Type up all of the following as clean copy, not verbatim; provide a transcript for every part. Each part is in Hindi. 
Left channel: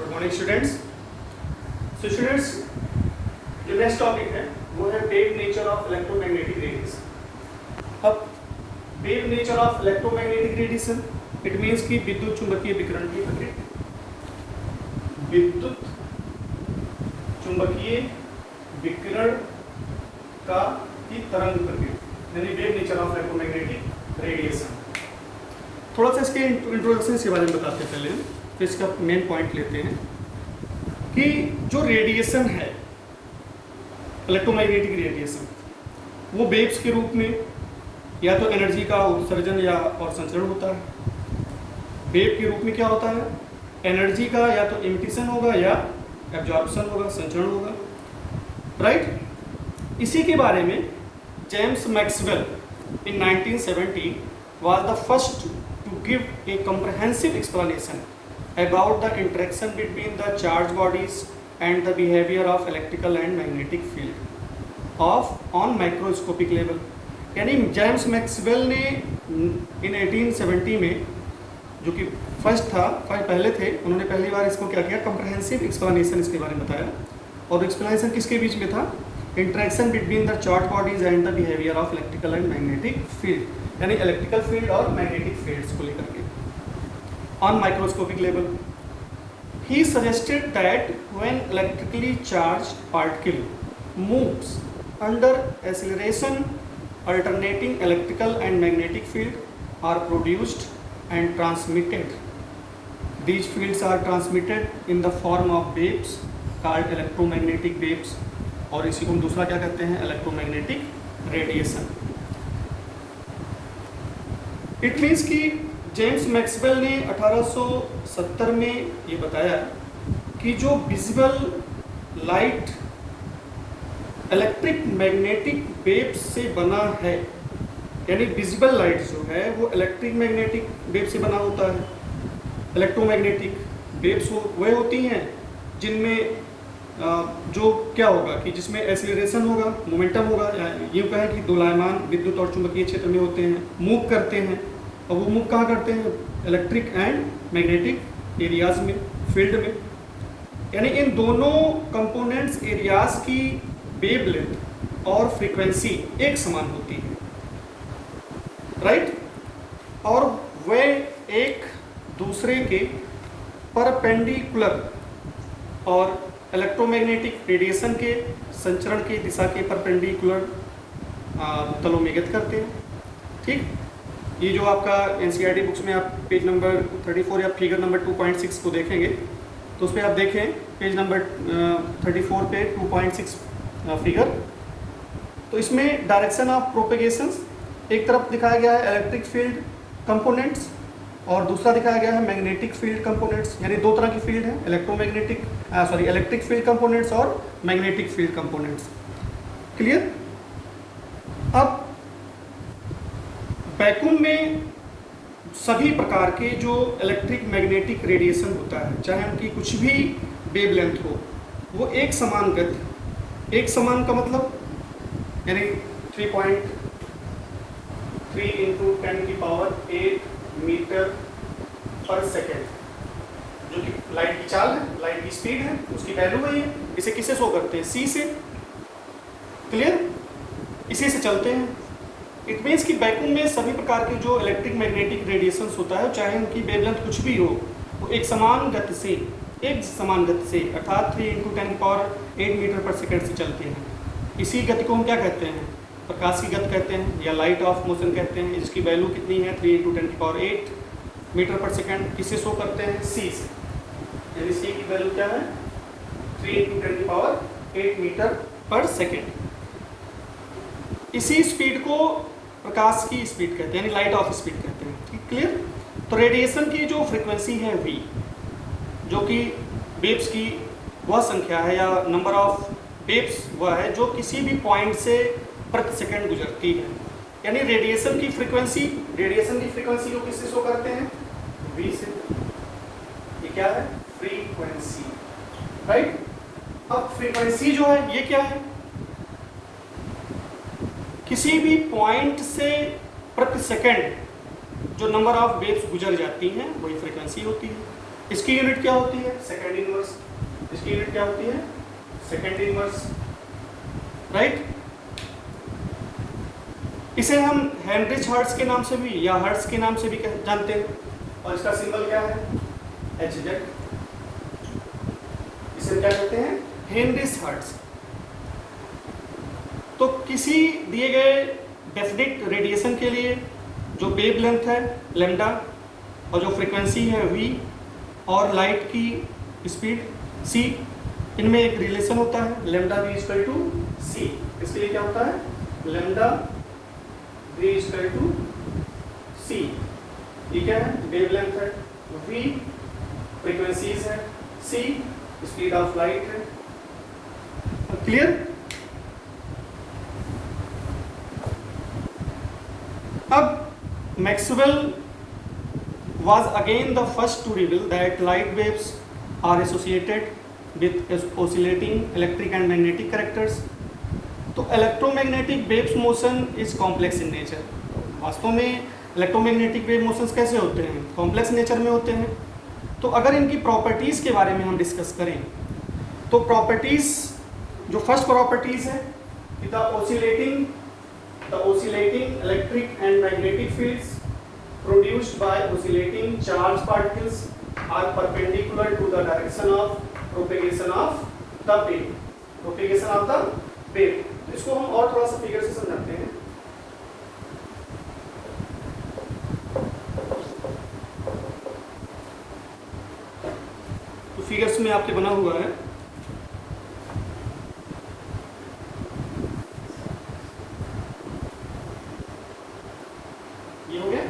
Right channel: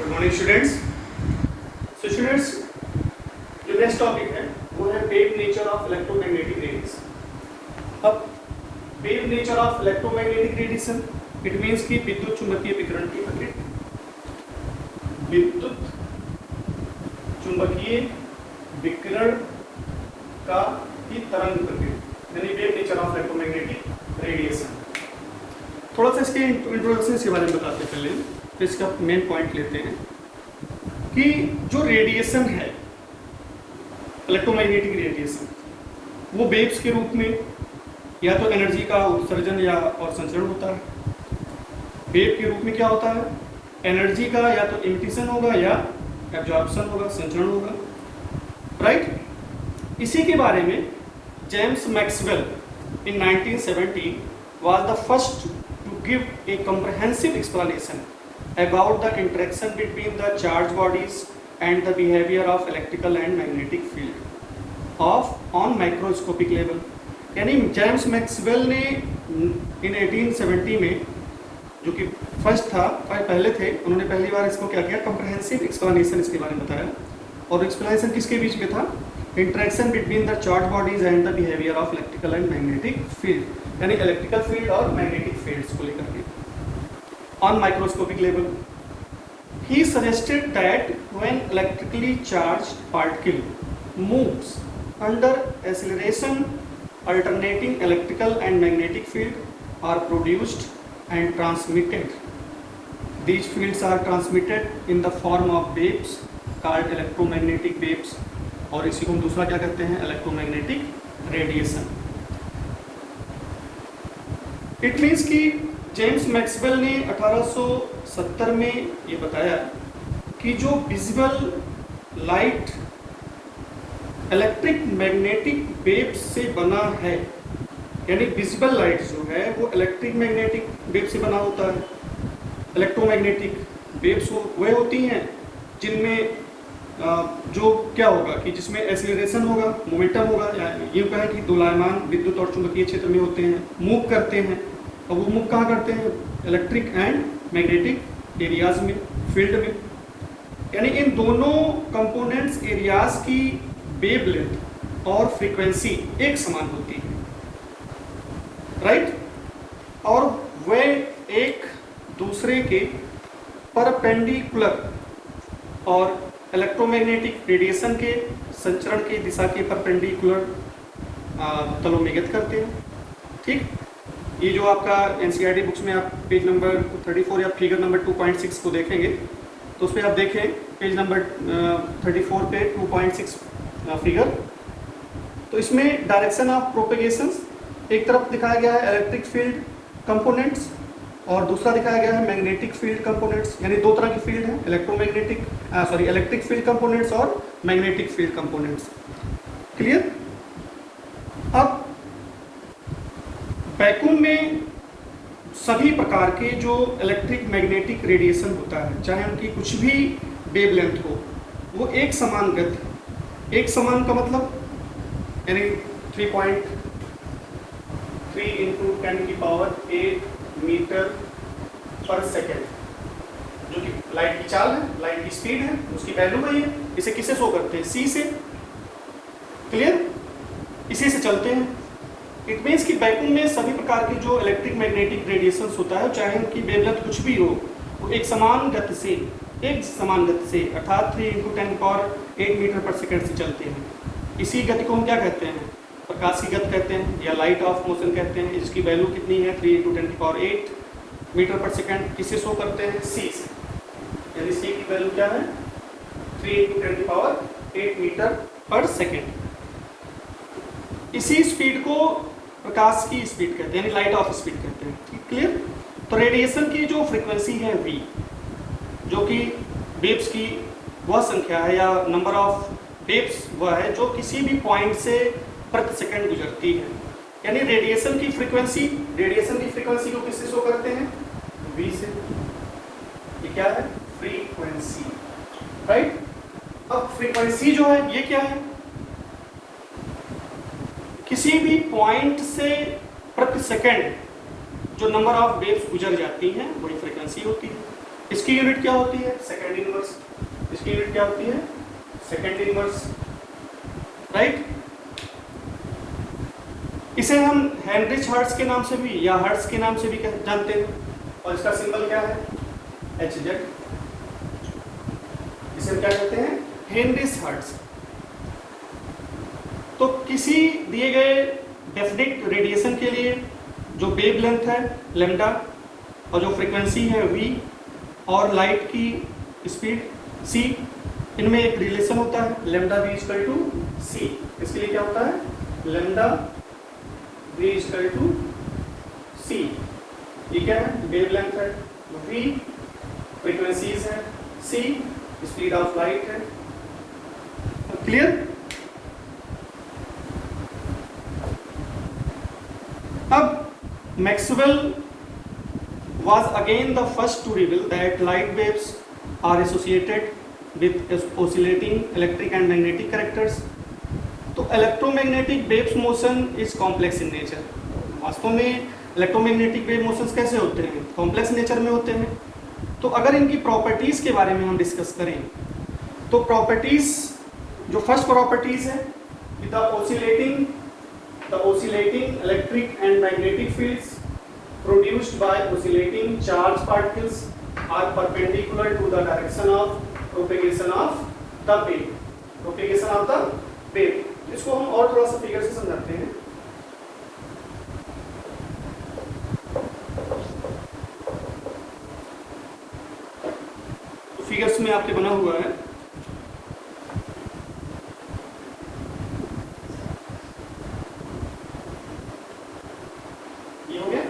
Good morning students. So students, जो नेक्स्ट टॉपिक है वो है wave nature of electromagnetic radiation. अब wave nature of electromagnetic radiation it means कि विद्युत चुंबकीय विकिरण की प्रकृति, विद्युत चुंबकीय विकिरण का की तरंग प्रकृति, यानी wave nature of electromagnetic radiation. थोड़ा सा इसके इंट्रोडक्शन के बारे में बताते हैं पहले, तो इसका मेन पॉइंट लेते हैं कि जो रेडिएशन है, इलेक्ट्रोमैग्नेटिक रेडिएशन, वो वेव्स के रूप में या तो एनर्जी का उत्सर्जन या और संचरण होता है। वेव के रूप में क्या होता है, एनर्जी का या तो इमिशन होगा या एब्जॉर्प्शन होगा, संचरण होगा, राइट। इसी के बारे में James Maxwell in 1970 was the first to give a comprehensive explanation about the interaction between the charged bodies and the behavior of electrical and magnetic field on microscopic level। यानी जेम्स मैक्सवेल ने इन 1870 में, जो कि फर्स्ट था, पहले थे, उन्होंने पहली बार इसको क्या किया, कॉम्प्रहेंसिव एक्सप्लेनेशन इसके बारे में बताया। और एक्सप्लेनेशन किसके बीच में था, interaction between the charge bodies and the behaviour of electrical and magnetic field, यानी इलेक्ट्रिकल फील्ड और मैग्नेटिक फील्ड्स को लेकर के on microscopic level. He suggested that when electrically charged particle moves under acceleration, alternating electrical and magnetic field are produced and transmitted. These fields are transmitted in the form of waves called electromagnetic waves, और इसी को हम दूसरा क्या कहते हैं, इलेक्ट्रोमैग्नेटिक रेडिएशन। इट मीन्स कि जेम्स मैक्सवेल ने 1870 में ये बताया कि जो visual light electric magnetic waves से बना है, यानी विजिबल लाइट जो है वो इलेक्ट्रिक मैग्नेटिक वेव से बना होता है। इलेक्ट्रोमैग्नेटिक वेव्स वह होती हैं जिनमें जो क्या होगा कि जिसमें एक्सीलरेशन होगा, मोमेंटम होगा, ये कहें कि दोलायमान विद्युत और चुंबकीय क्षेत्र में होते हैं, मूव करते हैं। और वो मूव कहाँ करते हैं, इलेक्ट्रिक एंड मैग्नेटिक एरियाज में, फील्ड में। यानी इन दोनों कंपोनेंट्स एरियाज की वेवलेंथ और फ्रीक्वेंसी एक समान होती है, राइट। और वे एक दूसरे के परपेंडिकुलर और इलेक्ट्रोमैग्नेटिक रेडिएशन के संचरण की दिशा के परपेंडिकुलर तलों में गति करते हैं, ठीक। ये जो आपका एनसीईआरटी बुक्स में आप पेज नंबर 34 या फिगर नंबर 2.6 को देखेंगे, तो उस पर आप देखें पेज नंबर 34 पे 2.6 फिगर। तो इसमें डायरेक्शन ऑफ प्रोपेगेशन एक तरफ दिखाया गया है इलेक्ट्रिक फील्ड कंपोनेंट्स, और दूसरा दिखाया गया है मैग्नेटिक फील्ड कंपोनेंट्स। यानी दो तरह की फील्ड है, इलेक्ट्रिक फील्ड कंपोनेंट्स और मैग्नेटिक फील्ड कंपोनेंट्स। क्लियर। अब वैक्यूम में सभी प्रकार के जो इलेक्ट्रिक मैग्नेटिक रेडिएशन होता है, चाहे उनकी कुछ भी वेवलेंथ हो, वो एक समान गति, एक समान का मतलब यानी 3.3 इंटू 10⁸ मीटर पर सेकेंड, जो कि लाइट की चाल है, लाइट की स्पीड है, उसकी वैल्यू है ये। इसे किससे शो करते हैं, सी से। क्लियर। इसी से चलते हैं। इट मीन्स कि वैक्यूम में सभी प्रकार के जो इलेक्ट्रिक मैग्नेटिक रेडिएशन होता है, चाहे उनकी वेवलेंथ कुछ भी हो, वो एक समान गति से अर्थात 3 इंटू 10⁸ मीटर पर सेकेंड से चलते हैं। इसी गति को हम क्या कहते हैं, प्रकाश की गति कहते हैं या लाइट ऑफ मोशन कहते हैं। इसकी वैल्यू कितनी है, 3 इंटू 10⁸ मीटर पर सेकेंड। किससे शो करते हैं, सी से। यानी सी की वैल्यू क्या है, 3 इंटू 10⁸ मीटर पर सेकेंड। इसी स्पीड को प्रकाश की स्पीड कहते हैं, यानी लाइट ऑफ स्पीड कहते हैं, ठीक। क्लियर। तो रेडिएशन की जो फ्रीक्वेंसी है v, जो कि वेव्स की वह संख्या है या नंबर ऑफ वेव्स वह है जो किसी भी पॉइंट से प्रति सेकंड गुजरती है। यानी रेडिएशन की फ्रीक्वेंसी को किससे शो करते हैं, v से। ये क्या है, फ्रीक्वेंसी, राइट। अब फ्रीक्वेंसी जो है ये क्या है, किसी भी पॉइंट से प्रति सेकंड जो नंबर ऑफ वेव्स गुजर जाती हैं वही फ्रीक्वेंसी होती है। इसकी यूनिट क्या होती है? Second inverse. इसकी यूनिट क्या होती है? Second inverse, right. इसे हम हेनरिच हर्ट्ज के नाम से भी या हर्ट्ज के नाम से भी जानते हैं, और इसका सिंबल क्या है? Hz। इसे क्या कहते हैं? Heinrich hertz. तो किसी दिए गए डेफिनिट रेडिएशन के लिए जो वेव लेंथ है लैम्डा और जो फ्रीक्वेंसी है v और लाइट की स्पीड c, इनमें एक रिलेशन होता है lambda v equal to c। इसके लिए क्या होता है? Lambda v equal to c। ये क्या है? वेव लेंथ है, v फ्रीक्वेंसीज है, c स्पीड ऑफ लाइट है। क्लियर? अब Maxwell was again the first to reveal that light waves are associated with oscillating electric and magnetic characters. तो electromagnetic waves motion is complex in nature। वास्तव में electromagnetic wave motions कैसे होते हैं? complex nature में होते हैं। तो अगर इनकी प्रॉपर्टीज के बारे में हम डिस्कस करें तो प्रॉपर्टीज, जो फर्स्ट प्रॉपर्टीज है, the oscillating electric and magnetic fields produced by oscillating charged particles are perpendicular to the direction of propagation of the wave। propagation of the wave, इसको हम और थोड़ा सा फिगर से समझाते हैं। तो फिगर्स में आपके बना हुआ है, ये हो गया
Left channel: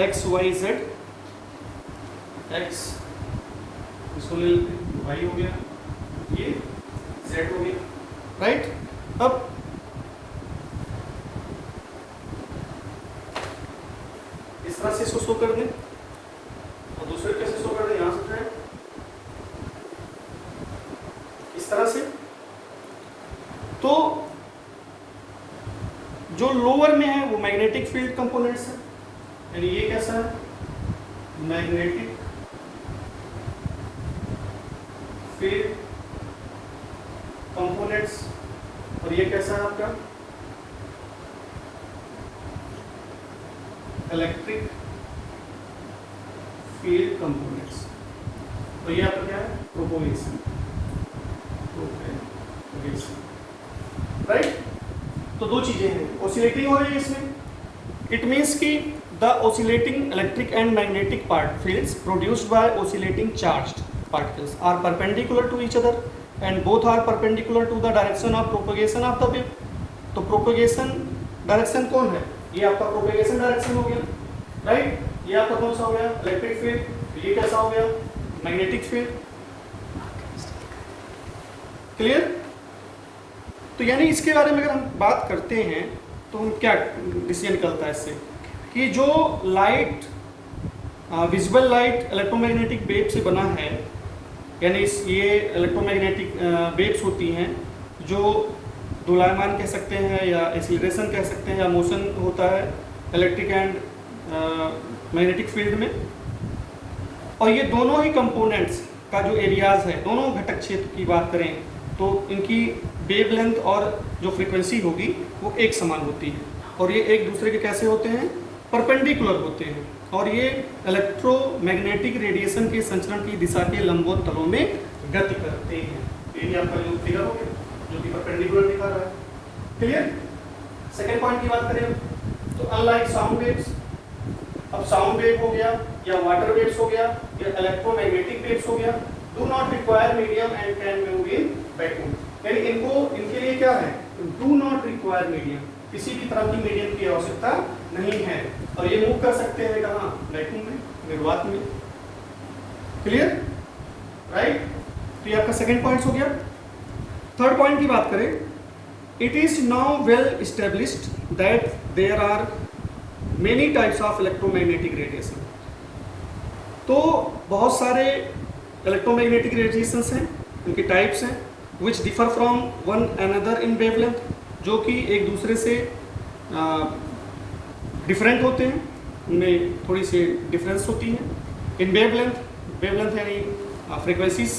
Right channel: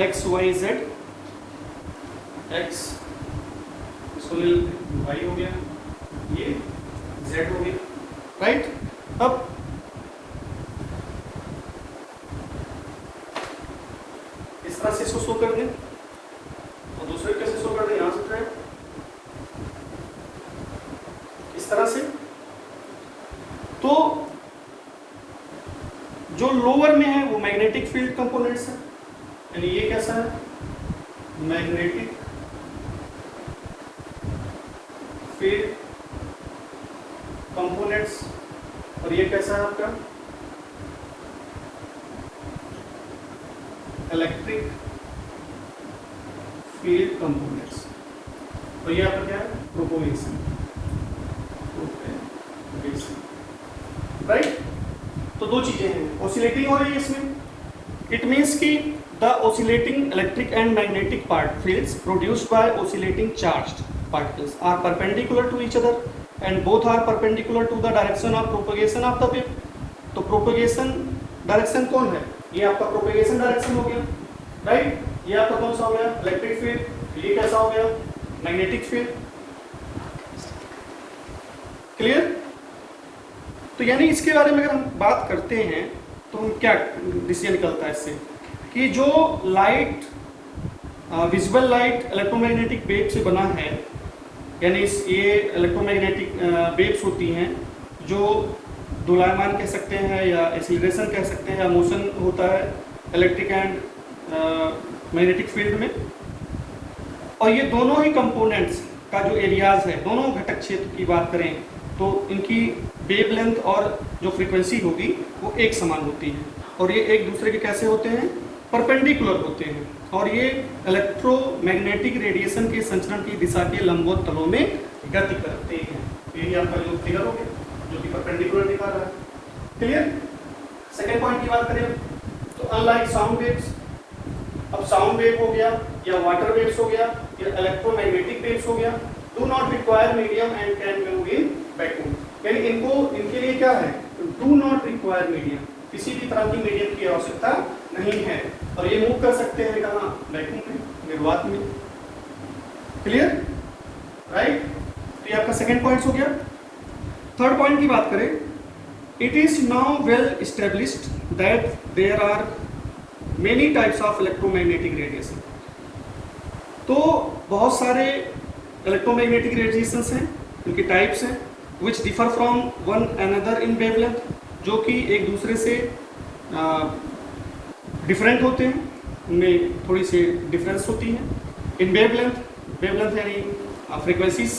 x y z, x इसको ले y हो गया, ये z हो गया, राइट। अब इस तरह से इसको शो कर दें और दूसरे कैसे शो कर दें? यहां से इस तरह से। तो जो लोअर में है वो मैग्नेटिक फील्ड कंपोनेंट्स है, यानी ये कैसा है? मैग्नेटिक फील्ड कंपोनेंट्स, और ये कैसा है आपका? Electric field components. और ये आपका क्या है? Propagation, right. तो दो चीजें हैं, ऑसिलेटिंग हो रही है इसमें। इट मीन्स कि the oscillating electric and magnetic fields produced by oscillating charged particles are perpendicular to each other and both are perpendicular to the direction of propagation of the wave। तो propagation डायरेक्शन कौन है? ये आपका propagation डायरेक्शन हो गया, राइट। ये आपका कौन सा हो गया? Electric field. ये कैसा हो गया? Magnetic field. क्लियर? तो यानी इसके बारे में अगर हम बात करते हैं तो हम क्या डिसीजन निकलता है इससे कि जो light, visual light electromagnetic wave से बना है, यानी ये इलेक्ट्रोमैग्नेटिक वेव्स होती हैं जो दोलायमान कह सकते हैं या एक्सीलरेशन कह सकते हैं या मोशन होता है इलेक्ट्रिक एंड मैग्नेटिक फील्ड में। और ये दोनों ही कंपोनेंट्स का जो एरियाज है, दोनों घटक क्षेत्र की बात करें तो इनकी वेव लेंथ और जो फ्रीक्वेंसी होगी वो एक समान होती है, और ये एक दूसरे के कैसे होते हैं? परपेंडिकुलर होते हैं, और ये इलेक्ट्रोमैग्नेटिक रेडिएशन के संचरण की दिशा के लंबवत तलों में गति करते हैं। ये भी आपका जो फिगर हो गया जो कि परपेंडिकुलर दिखा रहा है। क्लियर? सेकेंड पॉइंट की बात करें तो अनलाइक साउंड वेव्स, अब साउंड वेव हो गया या वाटर वेव्स हो गया या इलेक्ट्रोमैग्नेटिक वेव्स हो गया, do not require medium and can move in vacuum. यानी इनके लिए क्या है? डू नॉट रिक्वायर मीडियम, किसी भी तरह की मीडियम की आवश्यकता नहीं है, और ये मूव कर सकते हैं कहाँ? वैक्यूम में, निर्वात में। क्लियर? राइट। तो ये आपका सेकेंड पॉइंट हो गया। थर्ड पॉइंट की बात करें, it is now well established that there are many types of electromagnetic radiation. तो बहुत सारे इलेक्ट्रोमैग्नेटिक रेडिएशंस हैं, उनकी टाइप्स हैं, which differ from one another in wavelength, जो कि एक दूसरे से डिफरेंट होते हैं। में थोड़ी सी डिफरेंस होती है। इन वेवलेंथ यानी frequencies,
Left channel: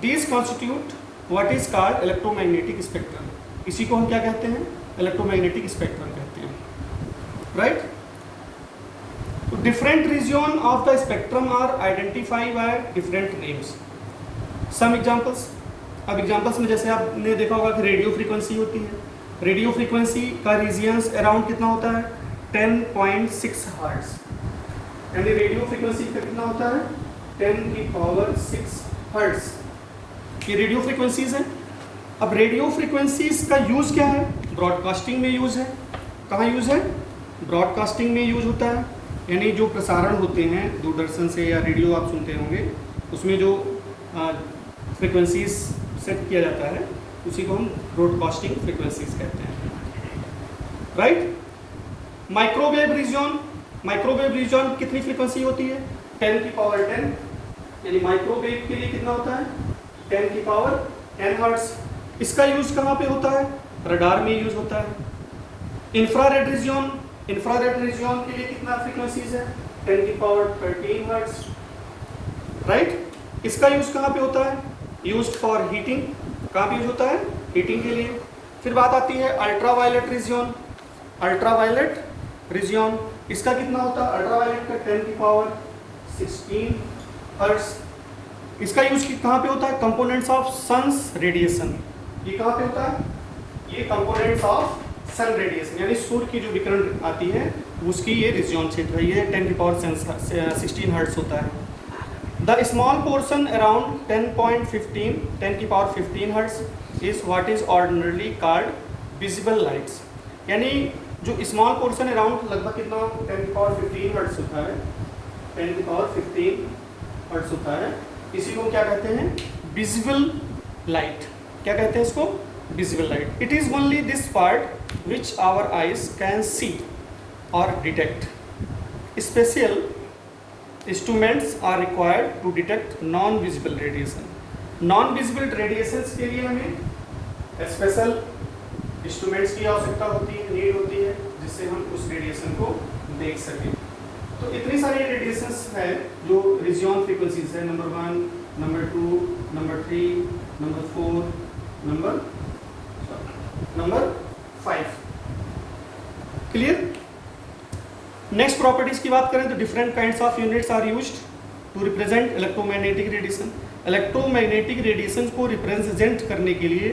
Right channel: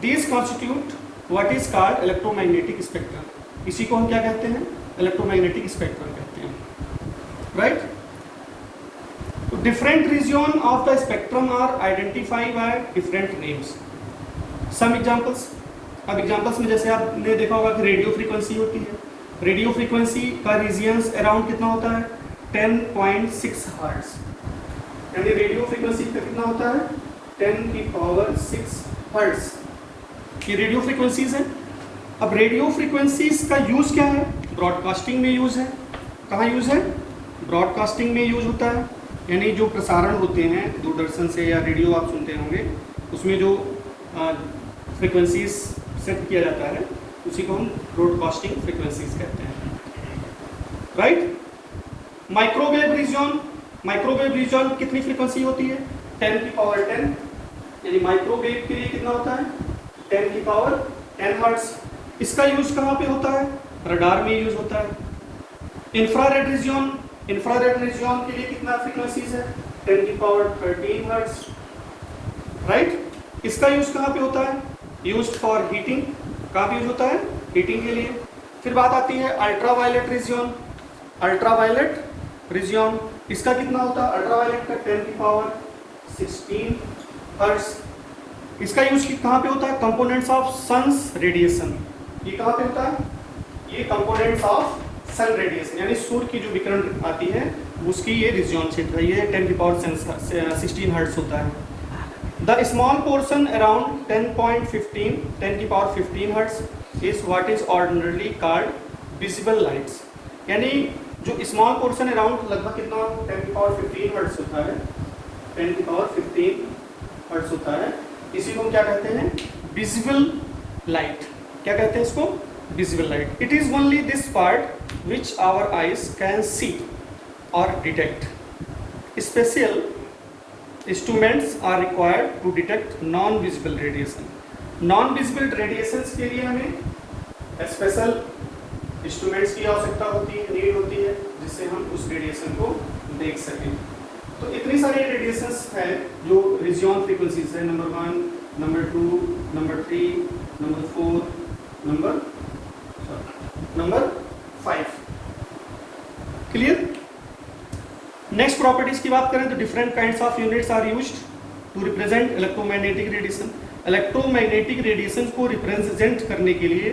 these constitute what is called electromagnetic spectrum. इसी को हम क्या कहते हैं? इलेक्ट्रोमैग्नेटिक स्पेक्ट्रम कहते हैं, right. Different region of the spectrum are identified by different names. Some examples, अब एग्जांपल्स में जैसे आपने देखा होगा कि रेडियो फ्रीक्वेंसी होती है। रेडियो फ्रीक्वेंसी का रीजियंस अराउंड कितना होता है? 10.6 हर्ट्ज। यानी रेडियो फ्रीक्वेंसी का कितना होता है? 10⁶ हर्ट्ज। ये रेडियो फ्रीक्वेंसीज हैं। अब रेडियो फ्रीक्वेंसीज का यूज क्या है? ब्रॉडकास्टिंग में यूज है। कहाँ यूज है? ब्रॉडकास्टिंग में यूज होता है, यानी जो प्रसारण होते हैं दूरदर्शन से या रेडियो आप सुनते होंगे, उसमें जो फ्रीक्वेंसीज सेट किया जाता है उसी को हम ब्रॉडकास्टिंग फ्रीक्वेंसीज कहते हैं, राइट। माइक्रोवेव रीजन कितनी फ्रीक्वेंसी होती है? 10⁻10, यानी माइक्रोवेव के लिए कितना होता है? 10⁻10 हर्ट्ज। इसका यूज कहाँ पे होता है? रडार में यूज होता है। इंफ्रारेड रीजन के लिए कितना फ्रीक्वेंसीज है? 10⁻13 हर्ट्ज, राइट। इसका यूज कहाँ पे होता है? Use for heating. कहाँ यूज होता है? हीटिंग के लिए। फिर बात आती है अल्ट्रावायलेट रीजन, इसका कितना होता है? अल्ट्रावायलेट का 10⁻16 हर्ट्ज। इसका यूज कहाँ पे होता है? Components of sun's radiation. ये कहाँ पे होता है? ये कंपोनेंट्स ऑफ सन रेडिएशन, यानी सूर्य की जो विकिरण आती है उसकी ये रीजन क्षेत्र है। ये 10⁻16 हर्ट्ज होता है। The small portion around 10.15 hertz is what is ordinarily called visible lights. यानी जो स्मॉल पोर्शन अराउंड लगभग कितना 10⁻15 हर्ट्ज होता है, 10⁻15 हर्ट्ज होता है, इसी को क्या कहते हैं? Visible light. क्या कहते हैं इसको? Visible light. It is only this part which our eyes can see or detect. Special instruments are required to detect non-visible radiation. Non-visible radiations के लिए हमें स्पेशल इंस्ट्रूमेंट्स की आवश्यकता होती है, नीड होती है, जिससे हम उस रेडिएशन को देख सकें। तो इतने सारे रेडिएशंस है जो रीजन फ्रीक्वेंसीज है, number 1, number 2, number 3, number 4, number 5। Clear? Next properties की बात करें तो different kinds of units are used to represent electromagnetic radiation. Electromagnetic radiation को रिप्रेजेंट करने के लिए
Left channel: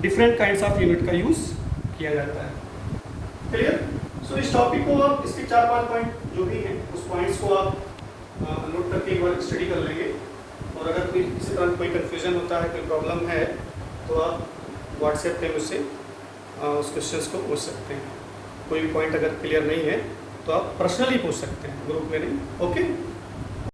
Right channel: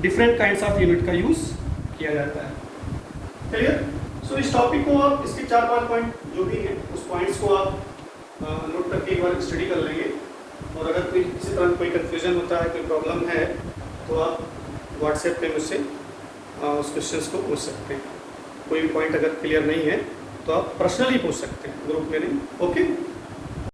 डिफरेंट काइंड्स ऑफ यूनिट का यूज किया जाता है। क्लियर? सो इस टॉपिक को आप, इसके 4-5 पॉइंट जो भी हैं उस पॉइंट्स को आप नोट करके एक बार स्टडी कर लेंगे। और अगर कोई किसी तरह कोई कन्फ्यूजन होता है, कोई प्रॉब्लम है, तो आप व्हाट्सएप पे मुझसे उस क्वेश्चंस को पूछ सकते हैं। कोई भी पॉइंट अगर क्लियर नहीं है तो आप पर्सनली पूछ सकते हैं, ग्रुप में नहीं। ओके।